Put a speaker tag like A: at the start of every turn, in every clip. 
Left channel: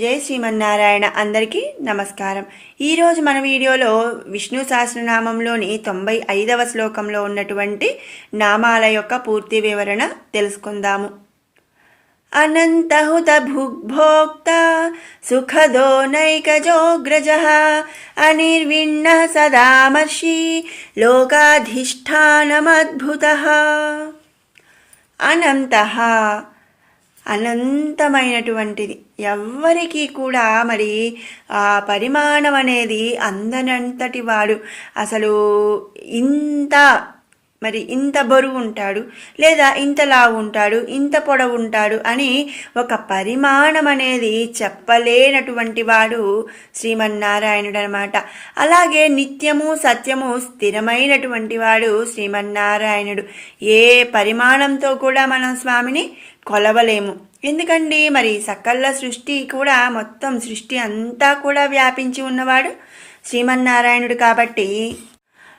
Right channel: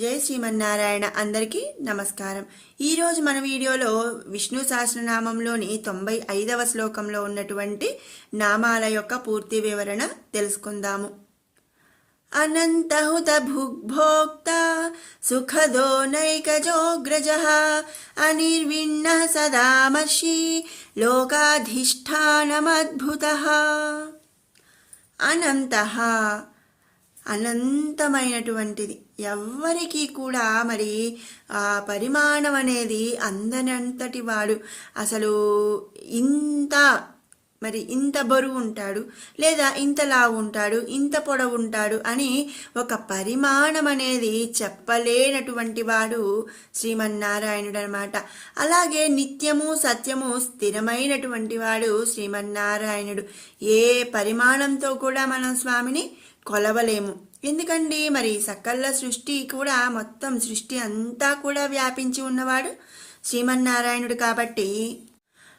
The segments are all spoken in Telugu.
A: జై శ్రీమన్నారాయణ అందరికీ నమస్కారం. ఈరోజు మన వీడియోలో విష్ణు సహస్రనామంలోని తొంభై ఐదవ శ్లోకంలో ఉన్నటువంటి నామాల యొక్క పూర్తి వివరణ తెలుసుకుందాము. అనంతహుత భుగ్భోక్త సుఖదో నైకజోగ్రజ అనిర్విణ్ణ సదామర్షి లోకాధిష్టానమద్భుత. అనంతః అనంతమైనటువంటిది. ఎవ్వరికీ కూడా మరి ఆ పరిమాణం అనేది అందనంతటి వాడు. అసలు ఇంత మరి ఇంత బరువు ఉంటాడు లేదా ఇంత లావు ఉంటాడు ఇంత పొడవు ఉంటాడు అని ఒక పరిమాణం అనేది చెప్పలేనటువంటి వాడు శ్రీమన్నారాయణుడు అనమాట అలాగే నిత్యము సత్యము స్థిరమైనటువంటి వాడు శ్రీమన్నారాయణుడు. ఏ పరిమాణంతో కూడా మనం స్వామిని కొలవలేము. ఎందుకండి? మరి సకల సృష్టి కూడా మొత్తం సృష్టి అంతా కూడా వ్యాపించి ఉన్నవాడు శ్రీమన్నారాయణుడు కాబట్టి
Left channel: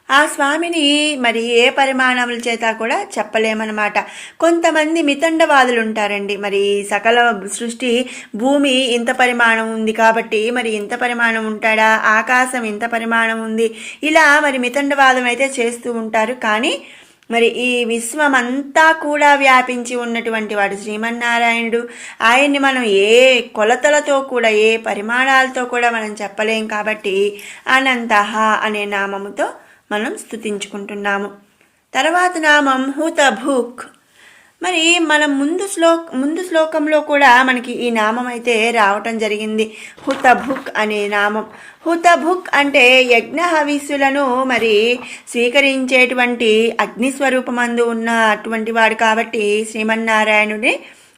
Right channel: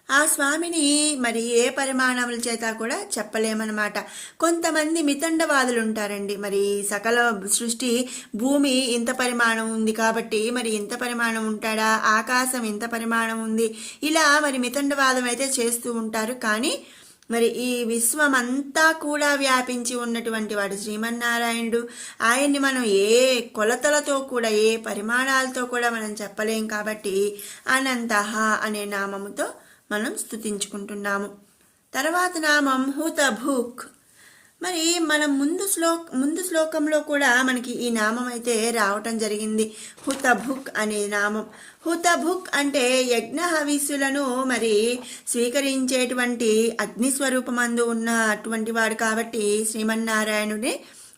A: ఆ స్వామిని మరి ఏ పరిమాణముల చేత కూడా చెప్పలేమన్నమాట. కొంతమంది మితండవాదులు ఉంటారండి. మరి సకల సృష్టి భూమి ఇంత పరిమాణం ఉంది కాబట్టి మరి ఇంత పరిమాణం ఉంటాడా? ఆకాశం ఇంత పరిమాణం ఉంది. ఇలా మరి మితండవాదం అయితే చేస్తూ ఉంటారు. కానీ మరి ఈ విశ్వమంతా కూడా వ్యాపించి ఉన్నటువంటి వాడు శ్రీమన్నారాయణుడు. ఆయన్ని మనం ఏ కొలతలతో కూడా ఏ పరిమాణాలతో కూడా మనం చెప్పలేం కాబట్టి అనంతహ అనే నామముతో మనం స్థుతించుకుంటున్నాము తర్వాత నామం హుతభుక్. మరి మనం ముందు శ్లోక్ ముందు శ్లోకంలో కూడా మనకి ఈ నామం అయితే రావటం జరిగింది. హుతభుక్ అనే నామం. హుతభుక్ అంటే యజ్ఞ హవిస్సులను మరి స్వీకరించేటువంటి అగ్నిస్వరూపమందు ఉన్న అటువంటి వాడు కాబట్టి శ్రీమన్నారాయణుడి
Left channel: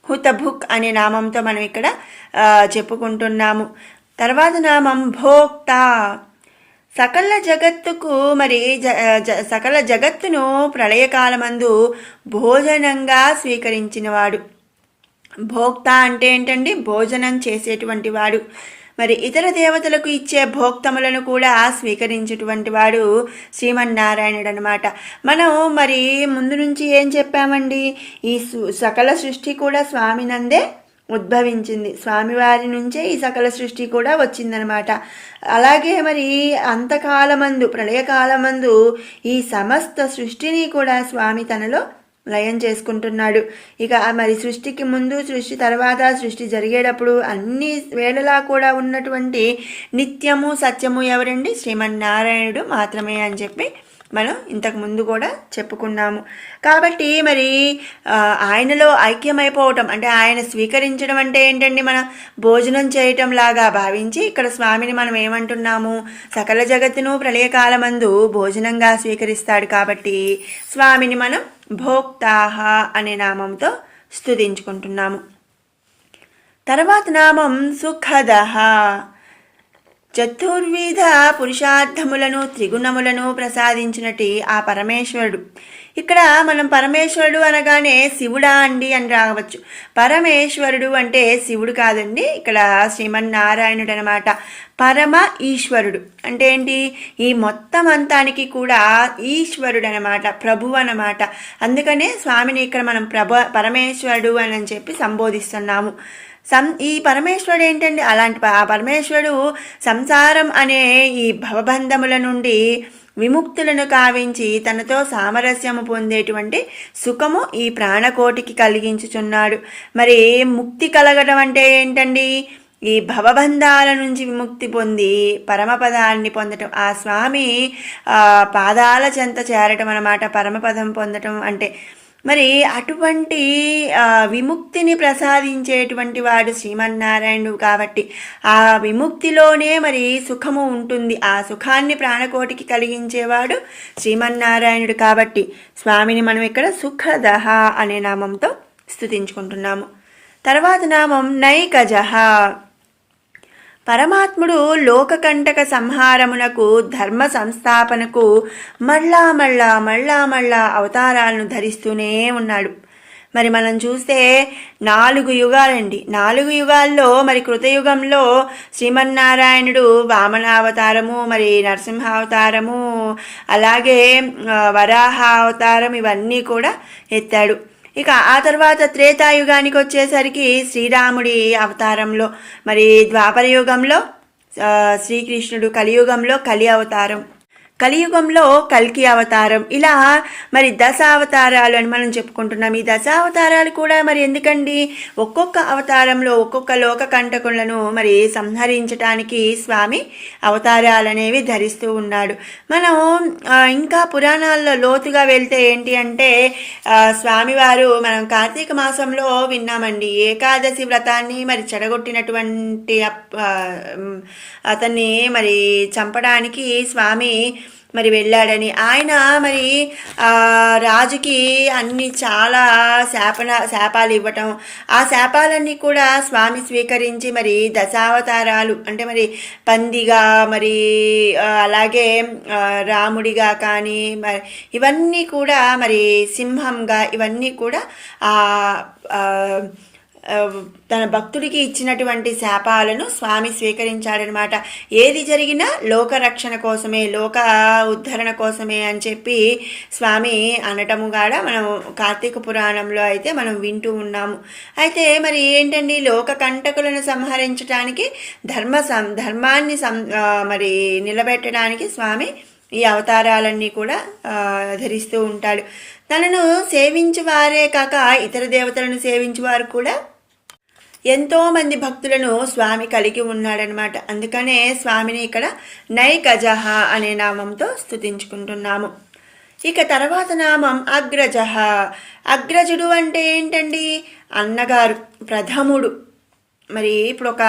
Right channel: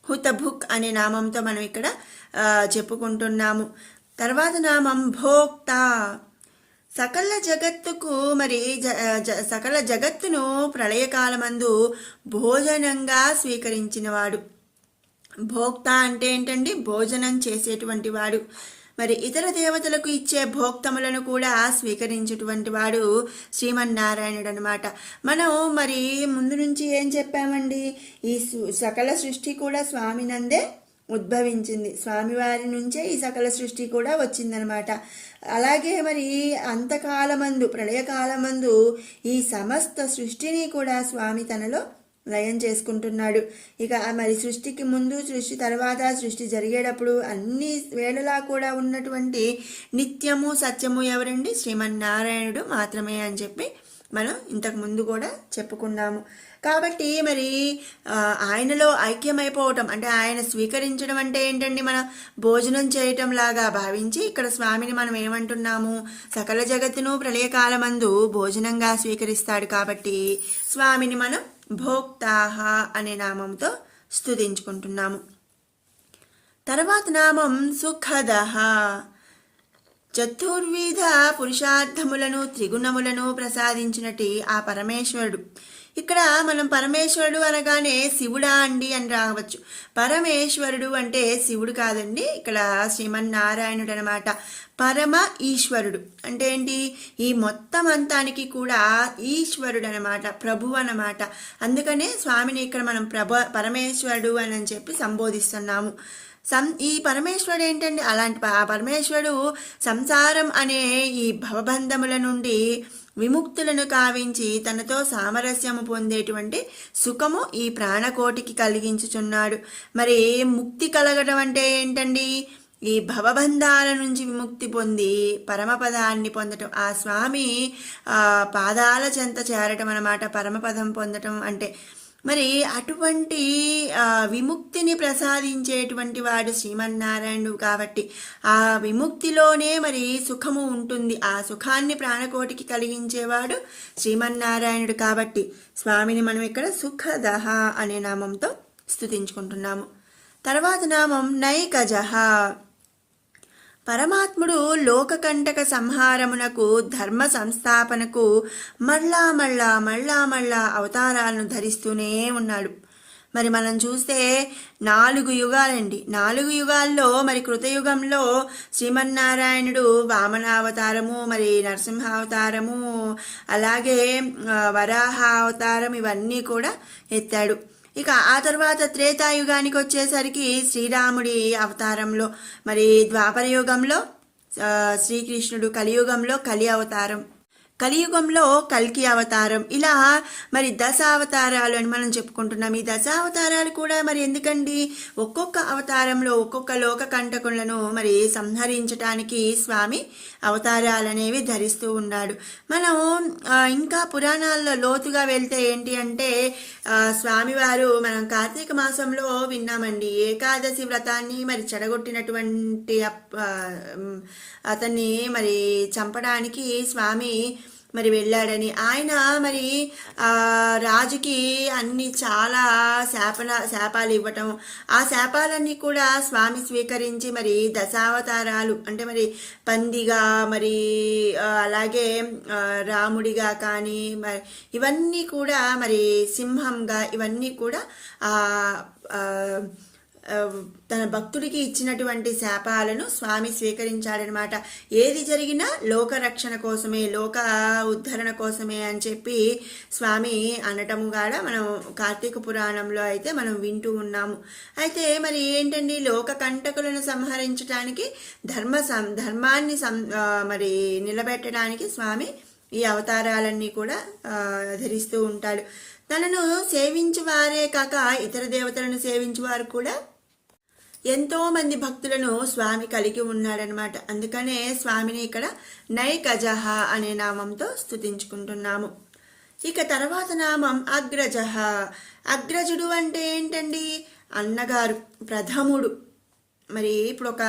A: హుతభుక్ అనే నామంతో మనం ఇక్కడ చెప్పుకుంటున్నాము. తర్వాత నామం భోక్త. సకల జగత్తుకు మరి సకల జగత్తును ప్రళయకాలమందు భోజనంగా స్వీకరించినవాడు. భోక్త అంటే ఏంటండి? భోజనం చేసేటువంటి వాడు. మరి ఇతర దేవతలకు ఇచ్చే భోక్తములను కూడా స్వీకరించేటువంటి వాడు శ్రీమన్నారాయణుడు అనమాట మనం మరి ముందు నుంచి ఏం చెప్పామండి? ఈ సకల సృష్టి కూడా స్వామినందే ఉద్భవించింది. స్వామివారి నుంచే ఈ సకల సృష్టి కూడా వచ్చిందనమాట. అలాగే మరి అంతకాలమందు ప్రళయకాలమందు ఈ సమస్త సృష్టిని కూడా స్వామి తనలో లయం చేసుకుంటున్నాడు. ఇక మరి సృష్టికి ముందు సృష్టి తర్వాత సృష్టి జరిగేటప్పుడు అన్ని వేళలా కూడా ఉన్నటువంటి నిత్యము సత్యము ఎవరండి? శ్రీమన్నారాయణుడు మాత్రమే అని చెప్పి మనం ఇంతకు ముందు కూడా చెప్పుకున్నాము. కాబట్టి మరి ఆయనలో ఐక్యమైపోవటం అంటే ఆయన స్వీకరించడం అంటే ఏంటండి? మనం భోజనం చేయటం లాగా భావించి ఇక్కడ స్వామిని మనం ఏమంటున్నాము? సకల జగత్తును ప్రళయకాలమందు భోజనంగా స్వీకరిస్తాడు కాబట్టి స్వామిని మనం భోక్తాహ అనే నామంతో స్థుతించుకుంటున్నాము తర్వాత నామం సుఖదహ చతుర్విధ పురుషార్థములను త్రిగుణములను ప్రసాదించినటి ఆ పరమేశ్వరుడు. ఇక్కడ మనం పరమేశ్వరుడు అనగానే శివుడా అండి అని రావచ్చు. పరమేశ్వరుడు అంటే శివుడు కాదండి ఇక్కడ శ్రీమన్నారాయణుడు అనమాట పరమ ఈశ్వరుడు. అంటే ఏంటి? ఈ మొత్తం అంతానికి కూడా ఈశ్వరుడు అనమాట ప్రభు అనమాట అందుకనే స్వామిని ఇక్కడ మనం ప్రభ పరమేశ్వరుడు అని చెప్పి సంబోధిస్తున్నాము. సం ఈ పరమేశ్వరుడు ఏంటండి? అలాంటి ఆ పరమేశ్వరుడు సంసారం అనే ఈ భవబంధముల నుండి విముక్తులను కావించి తనతో సామరస్యము పొందేటువంటి సుఖము ఈ ప్రాణకోటికి కలిగించుచున్నాడు. మరి ముక్తి కలగడం అంటే ఏంటండి? ఈ భవబంధాల నుంచి విముక్తి పొంది పరమపదాన్ని పొందటం. ఆ స్వామి పాదాల చెంత చేరటం అనమాట పరమపదం పొందటం అంటే. మరి అటువంటి విముక్తిని ప్రసాదించేటువంటి వాడు శ్రీమన్నారాయణుడు కాబట్టి ఆ విముక్తిలోనే మరి సుఖము ఉంటుంది. ఆ సుఖాన్ని ప్రాణకోటికి కలిగించేవాడు శ్రీమన్నారాయణుడు కాబట్టి స్వామిని మనం ఇక్కడ సుఖదహ అనే నామంతో స్థుతించుకుంటున్నాము తర్వాత నామం నైకజహ. పరమాత్ముడు లోకకంటక సంహారమునకు ధర్మ సంస్థాపనకు మళ్ళా మళ్ళా మళ్ళా మళ్ళా అవతారాలను ధరిస్తూనే ఉన్నాడు. మరి మనం చూస్తే నాలుగు యుగాలండి. నాలుగు యుగాల్లో మరి కృతయుగంలో శ్రీమన్నారాయణుడు వామనావతారము మరి నరసింహావతారము అలాగే వరాహ అవతారం ఇవన్నీ కూడా ఎత్తాడు. ఇక ఆ తర్వాత త్రేతాయుగానికి వచ్చేసరికి శ్రీరాముడి అవతారంలో మరి ద్వాపర యుగంలో శ్రీకృష్ణుడు కలియుగంలో కలి అవతారం. కలియుగంలో కల్కి అవతారం. ఇలా మరి దశ అవతారాలు అని మనం చెప్పుకుంటున్నాం. ఈ దశ అవతారాలు కూడా మరి ఎందుకండి? ఒక్కొక్క అవతారంలో ఒక్కొక్క లోక కంటకులను మరి సంహరించటానికి స్వామి అవతారాలు అనేవి ధరిస్తూ ఉన్నాడు. మనం ఇంకా పురాణాల్లో లోతుగా వెళ్తే ఏంటి అంటే స్వామివారు మనం కార్తీక మాసంలో విన్నామండి. ఏకాదశి వ్రతాన్ని మరి చెడగొట్టినటువంటి అప్- అతన్ని మరి చంపడానికి స్వామి మరి వెళ్ళాడని. ఆయన మరి రాజుకి అన్ని చాలా శాపన శాపాలు ఇవ్వటం. ఆ శాపాలన్నీ కూడా స్వామి స్వీకరించి మరి దశావతారాలు అంటే మరి పందిగా మరి అలాగే రాముడిగా కానీ మరి ఇవన్నీ కూడా మరి సింహంగా ఇవన్నీ కూడా తన భక్తుడికి ఇచ్చినటువంటి శాపాలను స్వామి స్వీకరించాడనమాట. ఏది జరిగినా లోక రక్షణ కోసమే లోక ఉద్ధరణ కోసమే అని చెప్పి స్వామి అనటము కాడ మనం కార్తీక పురాణంలో అయితే మనం వింటూ ఉన్నాము. అయితే మరి ఏంటండి లోక కంటకులను సంహరించడానికి ధర్మ సం ధర్మాన్ని సం మరి నిలబెట్టడానికి స్వామి ఈ అవతారాలన్నీ కూడా ధరిస్తూ ఉంటాడు. తనను సేవించేవారే కాక ఇతర దేవతలను సేవించువారు కూడా ఎంతోమంది భక్తులను స్వామి కలిగి ఉన్నాడనమాట. అందుకనే స్వామిని ఇక్కడ నైకజహ అనే నామంతో స్థుతించుకుంటున్నాము ఇక తర్వాత నామం అగ్రజహ అగ్రజుడు అంటే ఏంటండి? అన్నగారు ప్రథముడు. మరి ఇప్పుడు ఒక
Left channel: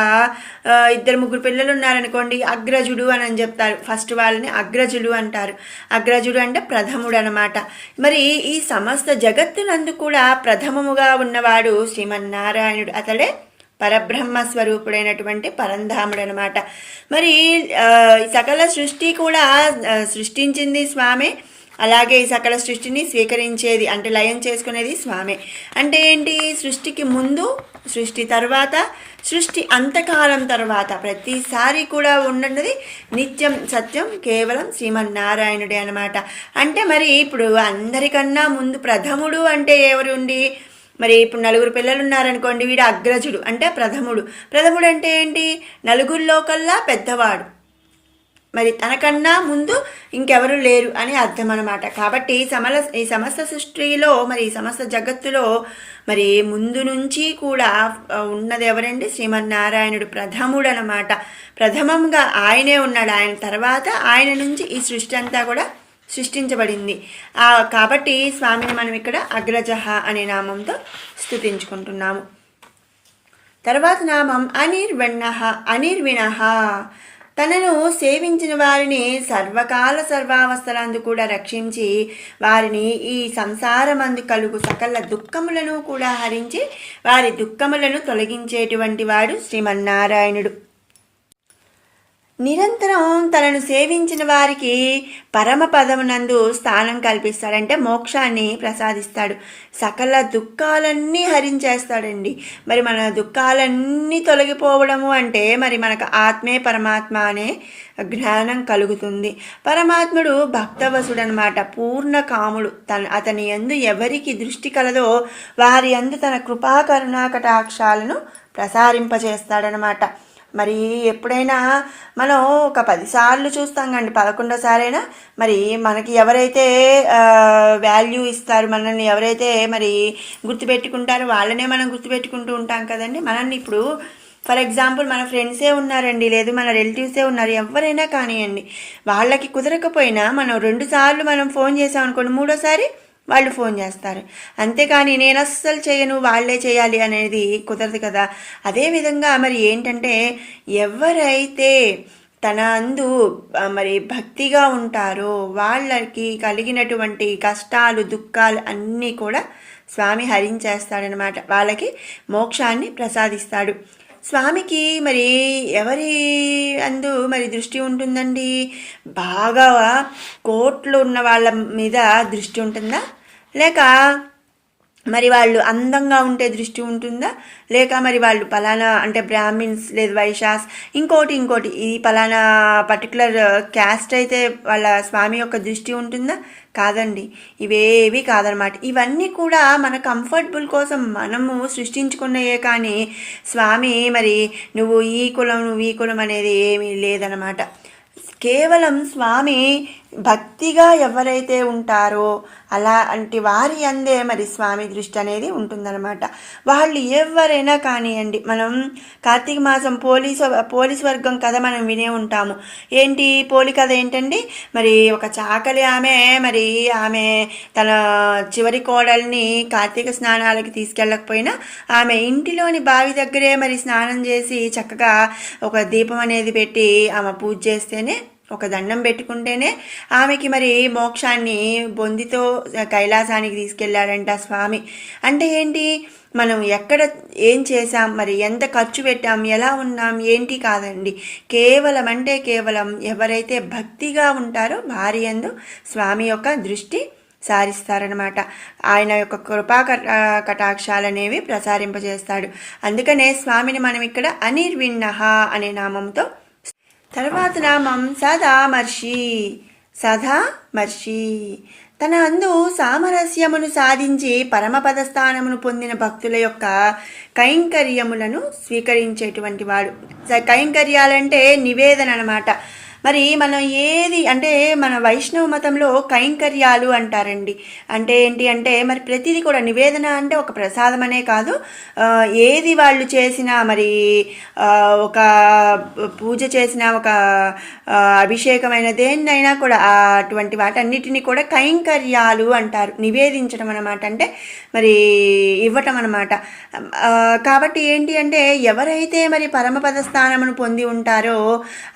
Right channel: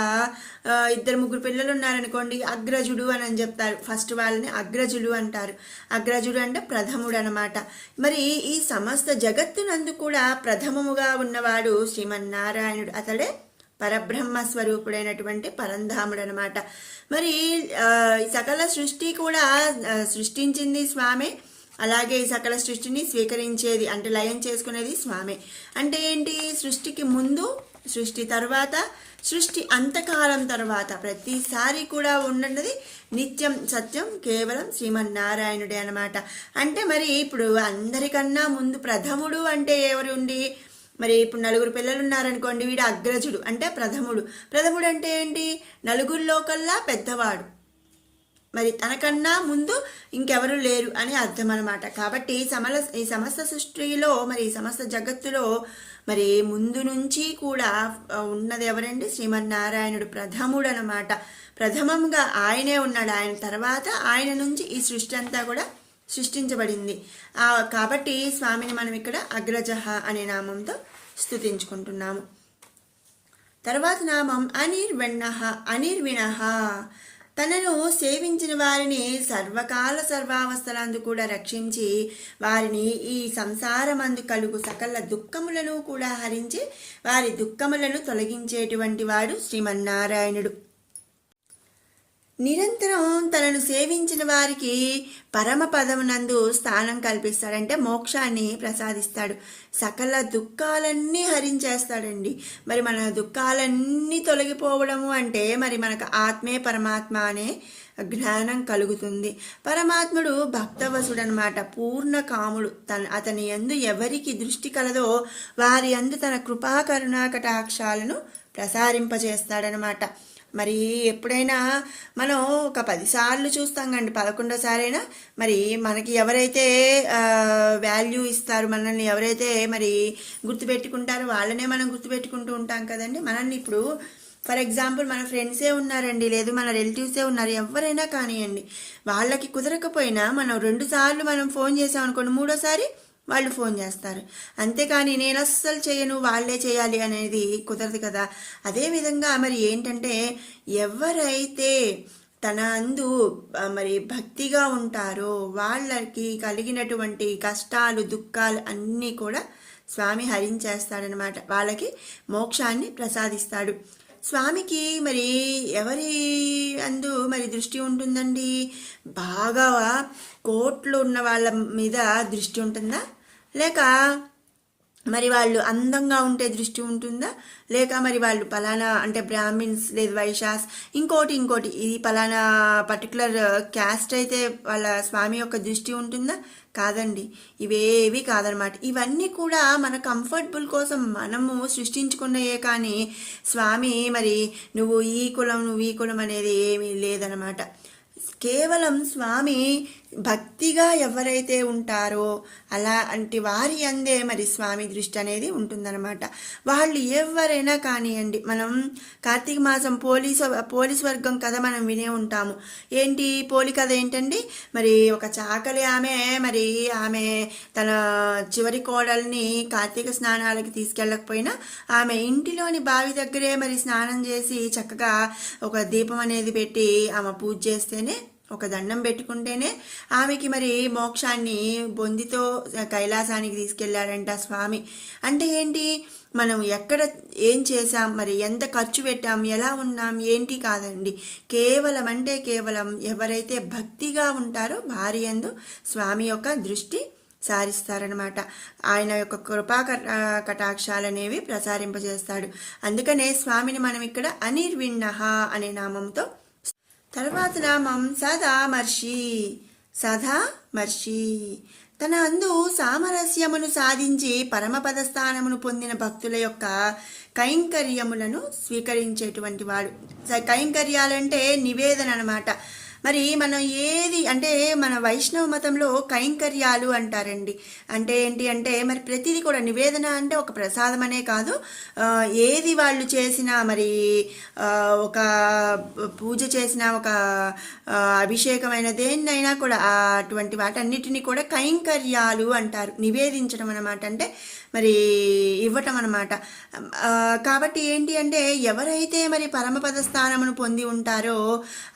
A: ఇద్దరు ముగ్గురు పిల్లలు ఉన్నారనుకోండి అగ్రజుడు అని అని చెప్తారు. ఫస్ట్ వాళ్ళని అగ్రజుడు అంటారు. అగ్రజుడు అంటే ప్రథముడు అనమాట మరి ఈ సమస్త జగత్తునందు కూడా ప్రథమముగా ఉన్నవాడు శ్రీమన్నారాయణుడు. అతడే పరబ్రహ్మ స్వరూపుడైనటువంటి పరంధాముడు అనమాట మరి ఈ సకల సృష్టి కూడా సృష్టించింది స్వామి. అలాగే ఈ సకల సృష్టిని స్వీకరించేది అంటే లయం చేసుకునేది స్వామి. అంటే ఏంటి? సృష్టికి ముందు సృష్టి తర్వాత సృష్టి అంతకాలం తర్వాత ప్రతిసారి కూడా ఉన్నది నిత్యం సత్యం కేవలం శ్రీమన్నారాయణుడే అనమాట అంటే మరి ఇప్పుడు అందరికన్నా ముందు ప్రథముడు అంటే ఎవరు ఉండి మరి ఇప్పుడు నలుగురు పిల్లలు ఉన్నారనుకోండి వీడు అగ్రజుడు అంటే ప్రథముడు. ప్రథముడు అంటే ఏంటి? నలుగురిలో కల్లా పెద్దవాడు. మరి తనకన్నా ముందు ఇంకెవరు లేరు అని అర్థం అనమాట కాబట్టి సమల ఈ సమస్త సృష్టిలో మరి ఈ సమస్త జగత్తులో మరి ముందు నుంచి కూడా ఉన్నది ఎవరండి? శ్రీమన్నారాయణుడు ప్రథముడు అనమాట ప్రథమంగా ఆయనే ఉన్నాడు. ఆయన తర్వాత ఆయన నుంచి ఈ సృష్టి అంతా కూడా సృష్టించబడింది. కాబట్టి స్వామిని మనం ఇక్కడ అగ్రజహ అనే నామంతో స్తుతించుకుంటున్నాము. తర్వాత నామం అనిర్వణ అనిర్విణ తనను సేవించిన వారిని సర్వకాల సర్వావస్థలందు కూడా రక్షించి వారిని ఈ సంసారమందు కలుగు సకల దుఃఖములను కూడా హరించి వారి దుఃఖములను తొలగించేటువంటి వాడు శ్రీమన్నారాయణుడు. నిరంతరం తనను సేవించిన వారికి పరమ పదమునందు స్థానం కల్పిస్తాడంటే మోక్షాన్ని ప్రసాదిస్తాడు. సకల దుఃఖాలన్నీ హరించేస్తాడండి. మరి మన దుఃఖాలన్నీ తొలగిపోవడము అంటే మరి మనకు ఆత్మే పరమాత్మ అనే జ్ఞానం కలుగుతుంది. పరమాత్ముడు భక్తవసుడు అనమాట పూర్ణ కాముడు. తన అతని యందు ఎవరికి దృష్టి కలదో వారి యందు తన కృపా కరుణా కటాక్షాలను ప్రసారింపచేస్తాడనమాట మరి ఎప్పుడైనా మనం ఒక పదిసార్లు చూస్తాం కండి పదకొండోసారైనా మరి మనకి ఎవరైతే వాల్యూ ఇస్తారు మనల్ని ఎవరైతే మరి గుర్తుపెట్టుకుంటారో వాళ్ళనే మనం గుర్తుపెట్టుకుంటూ ఉంటాం కదండి. మనల్ని ఇప్పుడు ఫర్ ఎగ్జాంపుల్ మన ఫ్రెండ్సే ఉన్నారండి లేదు మన రిలేటివ్సే ఉన్నారు ఎవరైనా కానివ్వండి వాళ్ళకి కుదరకపోయినా మనం రెండుసార్లు మనం ఫోన్ చేసాం అనుకోండి మూడోసారి వాళ్ళు ఫోన్ చేస్తారు. అంతేకాని నేను అస్సలు చేయను వాళ్ళే చేయాలి అనేది కుదరదు కదా. అదేవిధంగా మరి ఏంటంటే ఎవరైతే తన అందు మరి భక్తిగా ఉంటారో వాళ్ళకి కలిగినటువంటి కష్టాలు దుఃఖాలు అన్నీ కూడా స్వామి హరించేస్తాడనమాట. వాళ్ళకి మోక్షాన్ని ప్రసాదిస్తాడు. స్వామికి మరి ఎవరి అందు మరి దృష్టి ఉంటుందండి? బాగా కోట్లు ఉన్న వాళ్ళ మీద దృష్టి ఉంటుందా? లేక మరి వాళ్ళు అందంగా ఉంటే దృష్టి ఉంటుందా? లేక మరి వాళ్ళు పలానా అంటే బ్రాహ్మిన్స్ లేదు వైశాస్ ఇంకోటి ఇంకోటి ఈ పలానా పర్టికులర్ క్యాస్ట్ అయితే వాళ్ళ స్వామి యొక్క దృష్టి ఉంటుందా? కాదండి. ఇవేవి కాదనమాట ఇవన్నీ కూడా మన కంఫర్టబుల్ కోసం మనము సృష్టించుకున్నయే కానీ స్వామి మరి నువ్వు ఈ కులం నువ్వు ఈ కులం అనేది ఏమీ లేదనమాట కేవలం స్వామి భక్తిగా ఎవరైతే ఉంటారో అలాంటి వారి అందే మరి స్వామి దృష్టి అనేది ఉంటుందన్నమాట. వాళ్ళు ఎవరైనా కానివ్వండి మనం కార్తీక మాసం పోలీసు పోలీస్ వర్గం కథ మనం వినే ఉంటాము. ఏంటి? పోలి కథ ఏంటండి? మరి ఒక చాకలి ఆమె మరి ఆమె తన చివరి కోడల్ని కార్తీక స్నానాలకి తీసుకెళ్ళకపోయినా ఆమె ఇంటిలోని బావి దగ్గరే మరి స్నానం చేసి చక్కగా ఒక దీపం అనేది పెట్టి ఆమె పూజ చేస్తేనే ఒక దండం పెట్టుకుంటేనే ఆమెకి మరి మోక్షాన్ని బొందితో కైలాసానికి తీసుకెళ్ళారంట స్వామి. అంటే ఏంటి? మనం ఎక్కడ ఏం చేసాం మరి ఎంత ఖర్చు పెట్టాం? ఎలా ఉన్నాం? ఏంటి కాదండి. కేవలం అంటే కేవలం ఎవరైతే భక్తిగా ఉంటారో భార్య ఎందు స్వామి యొక్క దృష్టి సారిస్తారనమాట ఆయన యొక్క కృపా కటాక్షాలనేవి ప్రసారింపజేస్తాడు. అందుకనే స్వామిని మనం ఇక్కడ అనిర్విన్నహ అనే నామంతో తర్వాత నామం సదామర్షి సదామర్షి తన అందు సామరస్యమును సాధించి పరమపద స్థానమును పొందిన భక్తుల యొక్క కైంకర్యములను స్వీకరించేటువంటి వాడు. కైంకర్యాలంటే నివేదన అనమాట మరి మనం ఏది అంటే మన వైష్ణవ మతంలో కైంకర్యాలు అంటారండి. అంటే ఏంటి అంటే మరి ప్రతిదీ కూడా నివేదన అంటే ఒక ప్రసాదం అనే కాదు ఏది వాళ్ళు చేసినా మరి ఒక పూజ చేసిన ఒక అభిషేకమైన దేన్నైనా కూడా అటువంటి వాటన్నిటిని కూడా కైంకర్యాలు అంటారు. నివేదించడం అనమాట అంటే మరి ఇవ్వటం అనమాట కాబట్టి ఏంటి అంటే ఎవరైతే మరి పరమపద స్థానమును పొంది ఉంటారో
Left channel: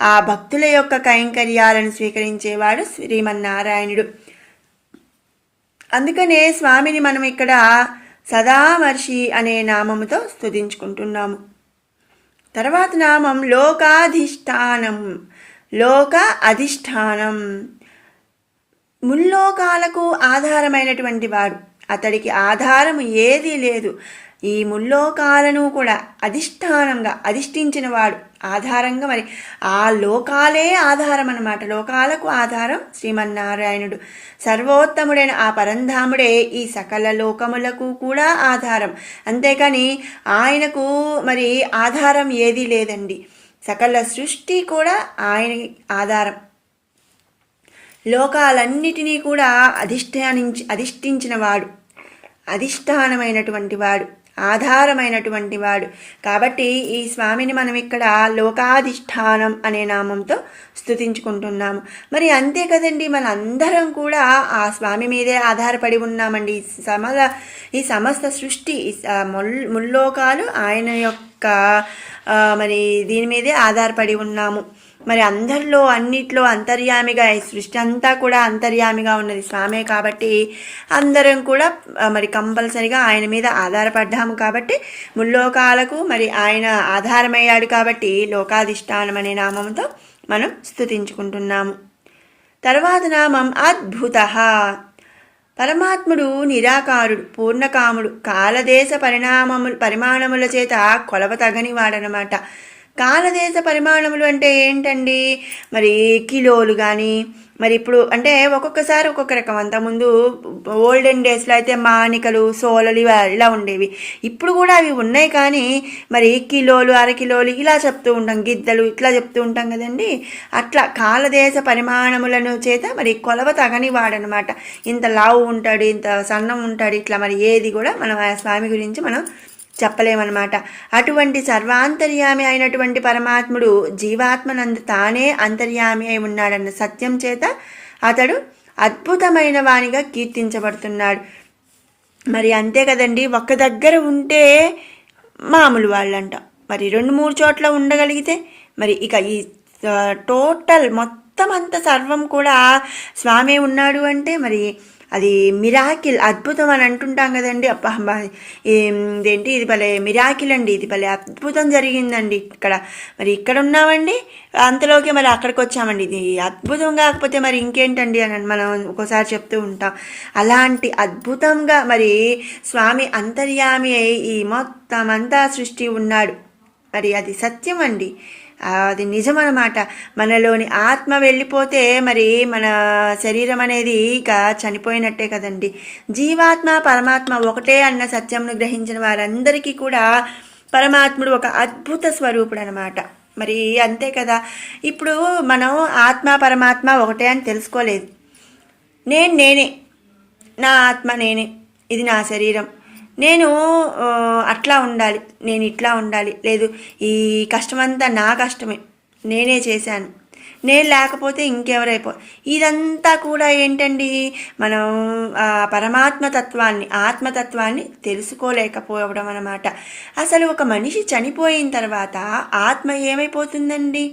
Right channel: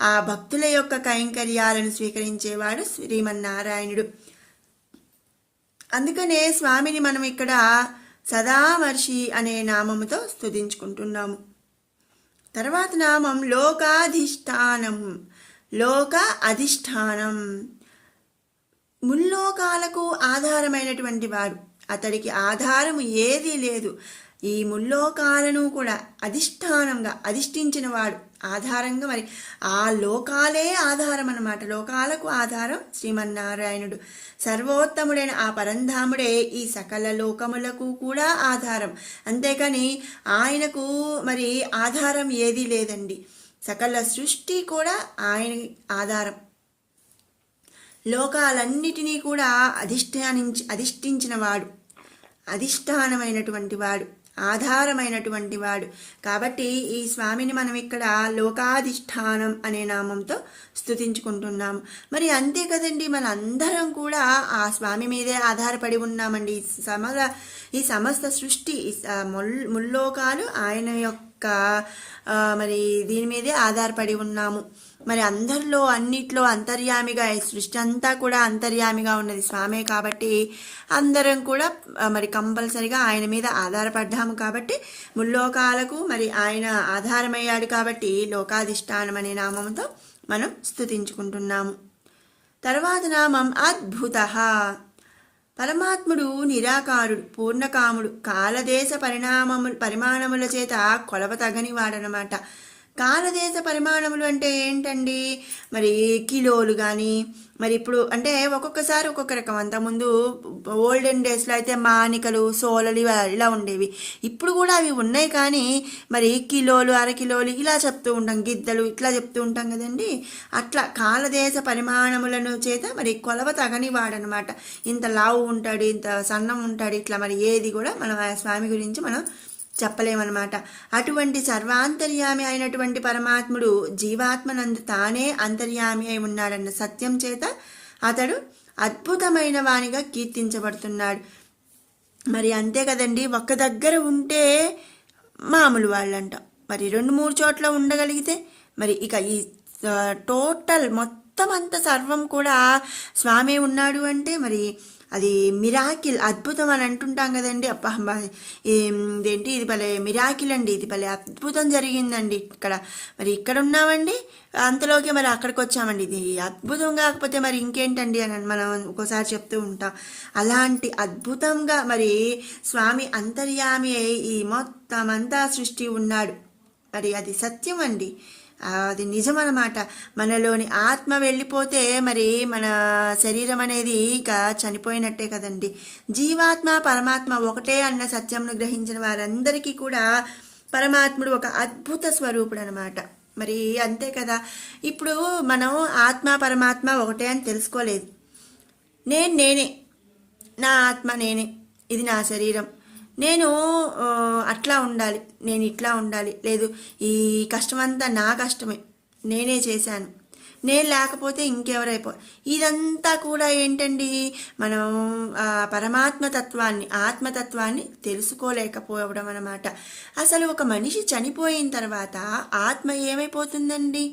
A: ఆ భక్తుల యొక్క కైంకర్యాలను స్వీకరించేవాడు శ్రీమన్నారాయణుడు. అందుకనే స్వామిని మనం ఇక్కడ సదామర్షి అనే నామముతో స్తుతించుకుంటున్నాము. తర్వాత నామం లోకాధిష్టానం లోక అధిష్టానం. ముల్లోకాలకు ఆధారమైనటువంటి వాడు. అతడికి ఆధారం ఏదీ లేదు. ఈ ముల్లోకాలను కూడా అధిష్టానంగా అధిష్ఠించిన వాడు. ఆధారంగా మరి ఆ లోకాలే ఆధారం అన్నమాట. లోకాలకు ఆధారం శ్రీమన్నారాయణుడు. సర్వోత్తముడైన ఆ పరంధాముడే ఈ సకల లోకములకు కూడా ఆధారం. అంతేకాని ఆయనకు మరి ఆధారం ఏదీ లేదండి. సకల సృష్టి కూడా ఆయన ఆధారం. లోకాలన్నిటినీ కూడా అధిష్టానించి అధిష్ఠించిన వాడు. అధిష్టానమైనటువంటి వాడు. ఆధారమైనటువంటి వాడు. కాబట్టి ఈ స్వామిని మనం ఇక్కడ లోకాధిష్టానం అనే నామంతో స్థుతించుకుంటున్నాము మరి అంతే కదండి మనందరం కూడా ఆ స్వామి మీదే ఆధారపడి ఉన్నామండి. సమల ఈ సమస్త సృష్టి ముల్లోకాలు ఆయన యొక్క మరి దీని మీదే ఆధారపడి ఉన్నాము. మరి అందరిలో అన్నిట్లో అంతర్యామిగా ఈ సృష్టి అంతా కూడా అంతర్యామిగా ఉన్నది స్వామే కాబట్టి అందరం కూడా మరి కంపల్సరిగా ఆయన మీద ఆధారపడ్డాము కాబట్టి ముల్లోకాలకు మరి ఆయన ఆధారమయ్యాడు కాబట్టి లోకాధిష్టానం అనే నామంతో మనం స్థుతించుకుంటున్నాము తర్వాత నామం అద్భుత. పరమాత్ముడు నిరాకారుడు పూర్ణకాముడు కాలదేశ పరిణామము పరిమాణముల చేత కొలవ తగని వాడనమాట కాలదేశ పరిమాణములు అంటే ఏంటండి? మరి కిలోలు కానీ మరి ఇప్పుడు అంటే ఒక్కొక్కసారి ఒక్కొక్క రకం. అంతకుముందు ఓల్డెన్ డేస్లో అయితే మానికలు సోలలు ఇలా ఉండేవి. ఇప్పుడు కూడా అవి ఉన్నాయి కానీ మరి కిలోలు అరకిలోలు ఇలా చెప్తూ ఉంటాం. గిద్దలు ఇట్లా చెప్తూ ఉంటాం కదండి? అట్లా కాలదేశ పరిమాణములను చేత మరి కొలవ తగని వాడనమాట ఇంత లావు ఉంటాడు ఇంత సన్నం ఉంటాడు ఇట్లా మరి ఏది కూడా మనం ఆ స్వామి గురించి మనం చెప్పలేమన్నమాట. అటువంటి సర్వాంతర్యామి అయినటువంటి పరమాత్ముడు జీవాత్మనందు తానే అంతర్యామి అయి ఉన్నాడన్న సత్యం చేత అతడు అద్భుతమైన వానిగా కీర్తించబడుతున్నాడు. మరి అంతే కదండి ఒక్క దగ్గర ఉంటే మామూలు వాళ్ళంట. మరి రెండు మూడు చోట్ల ఉండగలిగితే మరి ఇక ఈ టోటల్ మొత్తం అంత సర్వం కూడా స్వామి ఉన్నాడు అంటే మరి అది మిరాకిల్ అద్భుతం అని అంటుంటాం కదండి. అబ్బా ఇదేంటి? ఇది భలే మిరాకిల్ అండి. ఇది భలే అద్భుతం జరిగిందండి ఇక్కడ. మరి ఇక్కడ ఉన్నామండి అంతలోకి మరి అక్కడికి వచ్చామండి. ఇది అద్భుతం కాకపోతే మరి ఇంకేంటండి అని మనం ఒక్కోసారి చెప్తూ ఉంటాం. అలాంటి అద్భుతంగా మరి స్వామి అంతర్యామి అయి ఈ మొత్తం అంతా సృష్టి ఉన్నాడు. మరి అది సత్యం అండి. అది నిజమన్నమాట. మనలోని ఆత్మ వెళ్ళిపోతే మరి మన శరీరం అనేది ఇక చనిపోయినట్టే కదండి. జీవాత్మ పరమాత్మ ఒకటే అన్న సత్యంను గ్రహించిన వారందరికీ కూడా పరమాత్ముడు ఒక అద్భుత స్వరూపుడు అనమాట మరి అంతే కదా. ఇప్పుడు మనం ఆత్మ పరమాత్మ ఒకటే అని తెలుసుకోలేదు. నేను నేనే. నా ఆత్మ నేనే. ఇది నా శరీరం. నేను అట్లా ఉండాలి నేను ఇట్లా ఉండాలి. లేదు ఈ కష్టమంతా నా కష్టమే. నేనే చేశాను. నేను లేకపోతే ఇంకెవరైపో. ఇదంతా కూడా ఏంటండి? మనం ఆ పరమాత్మ తత్వాన్ని ఆత్మతత్వాన్ని తెలుసుకోలేకపోవడం అనమాట అసలు ఒక మనిషి చనిపోయిన తర్వాత ఆత్మ ఏమైపోతుందండి?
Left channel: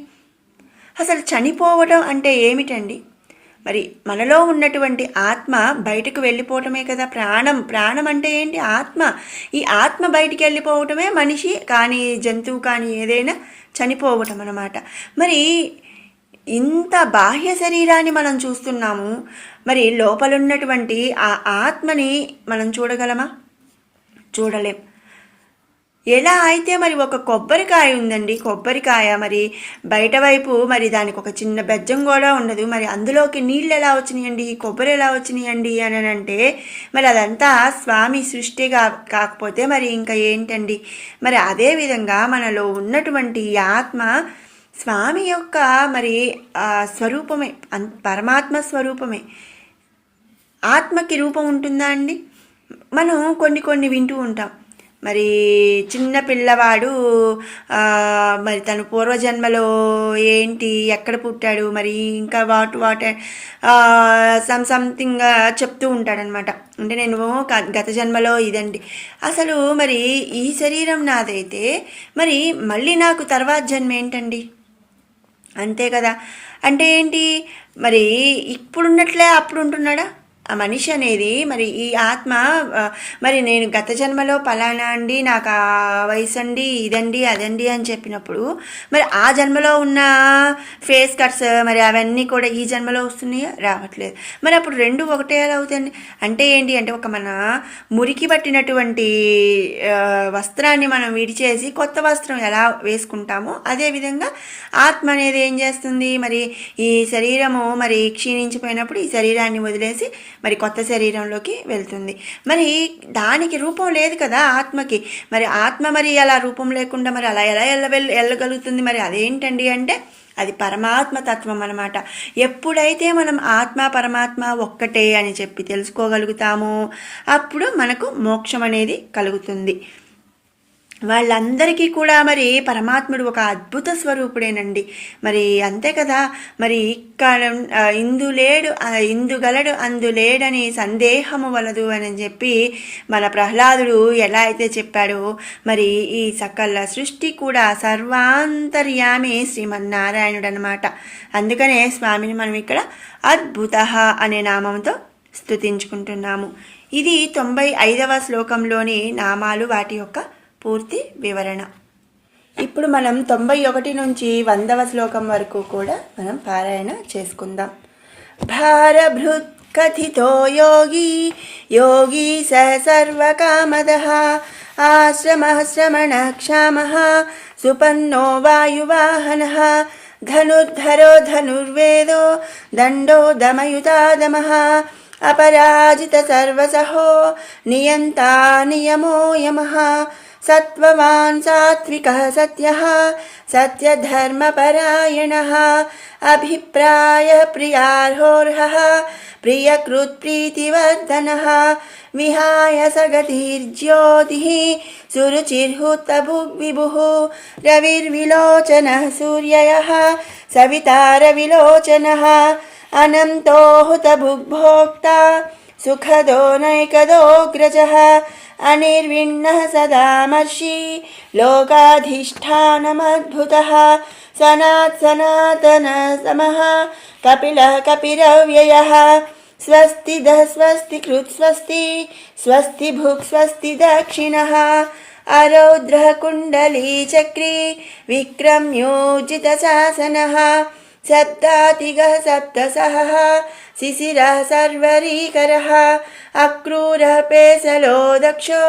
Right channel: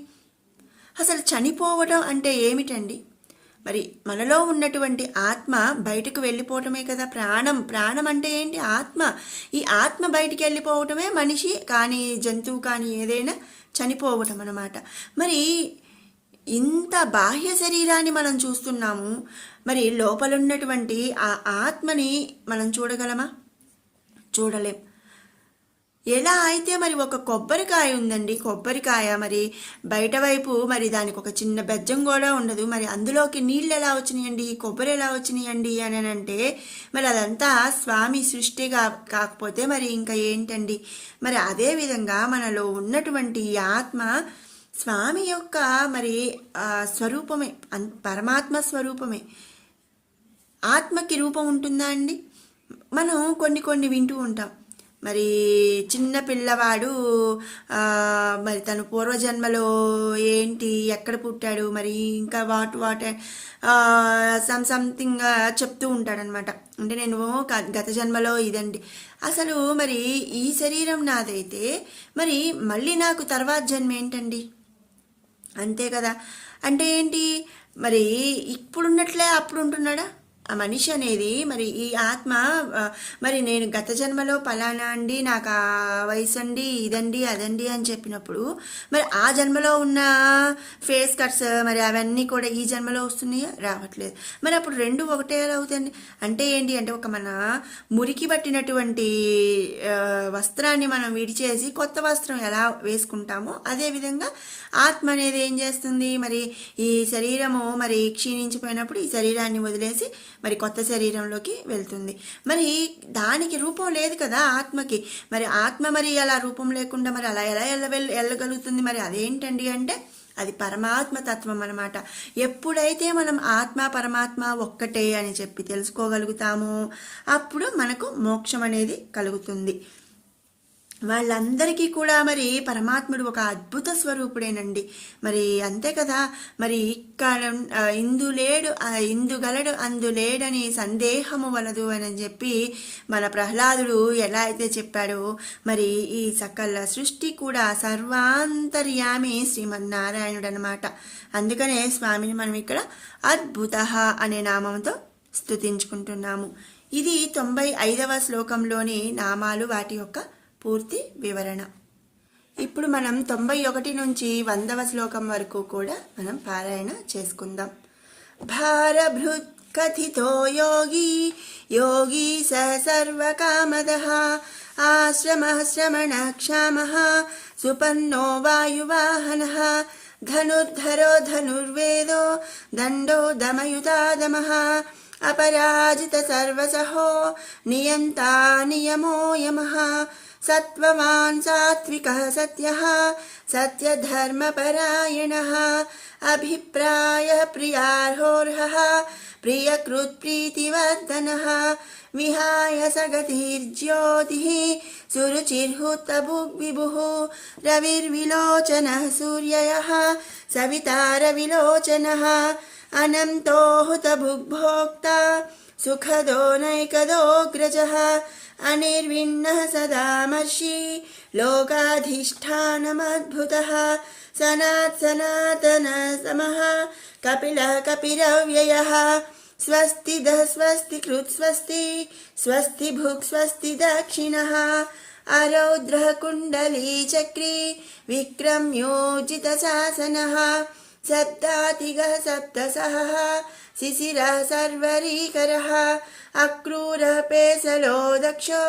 A: అసలు చనిపోవడం అంటే ఏమిటండి? మరి మనలో ఉన్నటువంటి ఆత్మ బయటకు వెళ్ళిపోవటమే కదా ప్రాణం. ప్రాణం అంటే ఏంటి? ఆత్మ. ఈ ఆత్మ బయటికి వెళ్ళిపోవటమే మనిషి కానీ జంతువు కానీ ఏదైనా చనిపోవటం అన్నమాట. మరి ఇంత బాహ్య శరీరాన్ని మనం చూస్తున్నాము. మరి లోపలున్నటువంటి ఆ ఆత్మని మనం చూడగలమా? చూడలేం. ఎలా అయితే మరి ఒక కొబ్బరికాయ ఉందండి కొబ్బరికాయ మరి బయట వైపు మరి దానికి ఒక చిన్న బెజ్జం కూడా ఉండదు. మరి అందులోకి నీళ్ళు ఎలా వచ్చినాయండి? కొబ్బరి ఎలా వచ్చినాయండి అని అంటే మరి అదంతా స్వామి సృష్టి కా కాకపోతే మరి ఇంకా ఏంటండి? మరి అదే విధంగా మనలో ఉన్నటువంటి ఆత్మ స్వామి యొక్క మరి స్వరూపమే పరమాత్మ స్వరూపమే. ఆత్మకి రూపం ఉంటుందా అండి? మనం కొన్ని కొన్ని వింటూ ఉంటాం. మరి చిన్న పిల్లవాడు మరి తను పూర్వజన్మలో ఏంటి ఎక్కడ పుట్టాడు మరి ఇంకా వాట్ వాట్ సమ్ సంథింగ్ చెప్తూ ఉంటాడనమాట. అంటే నేను గత జన్మలో ఇదండి. అసలు మరి ఈ శరీరం నాదైతే మరి మళ్ళీ నాకు తర్వాత జన్మ ఏంటండి? అంతే కదా. అంటే ఏంటి? మరి ఇప్పుడున్నట్లే అప్పుడు ఉంటున్నాడా మనిషి అనేది మరి ఈ ఆత్మ మరి నేను గత జన్మలో పలానా అండి నాకు ఆ వయసు అండి ఇదండి అదండి అని చెప్పినప్పుడు మరి ఆ జన్మలో ఉన్న ఫేస్ కట్స్ మరి అవన్నీ కూడా ఈ జన్మలో వస్తున్నాయా? రావట్లేదు. మరి అప్పుడు రెండు ఒకటే ఎలా అవుతుంది అంటే ఏంటి? అంటే ఒక మన మురికి పట్టినటువంటి వస్త్రాన్ని మనం విడిచేసి కొత్త వస్త్రం ఎలా వేసుకుంటామో అదేవిధంగా ఆత్మ అనేది ఏం చేస్తుంది? మరి ఈ శరీరము మరి క్షీణించిపోయినప్పుడు ఈ శరీరాన్ని వదిలేసి మరి కొత్త శరీరంలోకి వెళ్తుంది. మరి దానికి రూపం లేదు కదా ఆత్మకి. మరి ఆత్మ మరి అలా రూపం లేకుండా మరి అలా ఎలా వెళ్ళ వెళ్ళగలుగుతుంది మరి అదేంటండి అంటే అది పరమాత్మ తత్వం అనమాట ఎప్పుడైతే మనం ఆత్మ పరమాత్మ ఒక్కటే అని చెప్పి తెలుసుకోగలుగుతామో అప్పుడు మనకు మోక్షం అనేది కలుగుతుంది. వాళ్ళందరికీ కూడా మరి పరమాత్ముడు ఒక అద్భుత స్వరూపుడేనండి. మరి అంతే కదా మరి ఇక్కడ ఇందులేడు ఇందు అందులేడని గలడు సందేహము వలదు అని చెప్పి మన ప్రహ్లాదుడు ఎలా అయితే చెప్పాడో మరి ఈ సకల సృష్టి కూడా సర్వాంతర్యామి శ్రీమన్నారాయణుడు అనమాట అందుకనే స్వామిని మనం ఇక్కడ అద్భుత అనే నామంతో స్తుతించుకుంటున్నాము. ఇది తొంభై ఐదవ శ్లోకంలోని నామాలు వాటి యొక్క పూర్తి వివరణ. ఇప్పుడు మనం తొంభై ఒకటి నుంచి వందవ శ్లోకం వరకు కూడా మనం పారాయణ చేసుకుందాం. భారభృత్ కథితో యోగి యోగి స సర్వకామద ఆశ్రమ శ్రమణ క్షామ సుపన్నో వాయువాహన ధనుర్ధరో ధనుర్వేదో దండో దమయుతాదమ అపరాజిత సర్వసహో నియంతా నియమో యమ सत्त्ववान् सात्विकः सत्यः, सत्यधर्मपरायणः, अभिप्रायः प्रियार्होर्हः प्रियकृत्प्रीतिवर्धनः विहाय सगतिर्ज्योतिः, सुरुचिर्हुतभुग्विभुः, रविर्विलोचनः सूर्ययः, सवितारविलोचनः, अनन्तो हुतभुग्भोक्ता सुखदो नैकदोऽग्रजः अनिर्विण्णः सदामर्षि लोकाधिष्ठानमद्भुतः सनात् सनातन कपिलः कपिरव्ययः स्वस्तिदः स्वस्ति कृत् स्वस्ति स्वस्ति भुक् स्वस्ति दक्षिणः अरौद्रः कुण्डली चक्री विक्रम्योजितशासनः सप्तातिगः सप्तसहः शिशिरः सर्वरीकरः अक्रूरः पेसलो दक्षो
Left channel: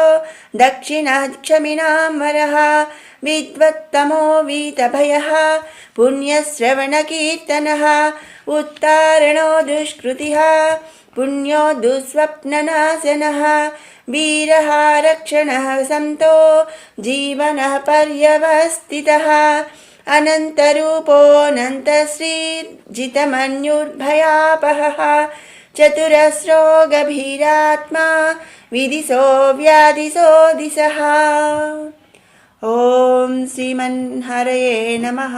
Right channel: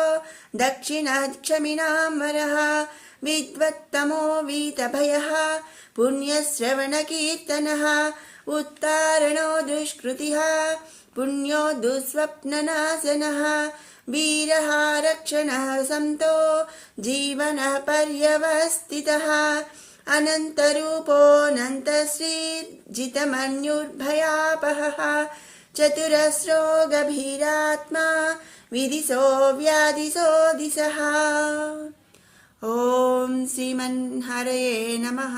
A: दक्षिणः क्षमिणाम्बरः विद्वत्तमो वीतभयः पुण्यश्रवणकीर्तनः उत्तारणो दुष्कृतिः पुण्यो दुःस्वप्ननाशनः वीरः रक्षणः सन्तो जीवनः पर्यवस्थितः अनन्तरूपोऽनन्तश्रीर्जितमन्युर्भयापहः चतुरस्रो गभीरात्मा विदिशो व्याधिशो दिशः ॐ श्रीमन्हरये नमः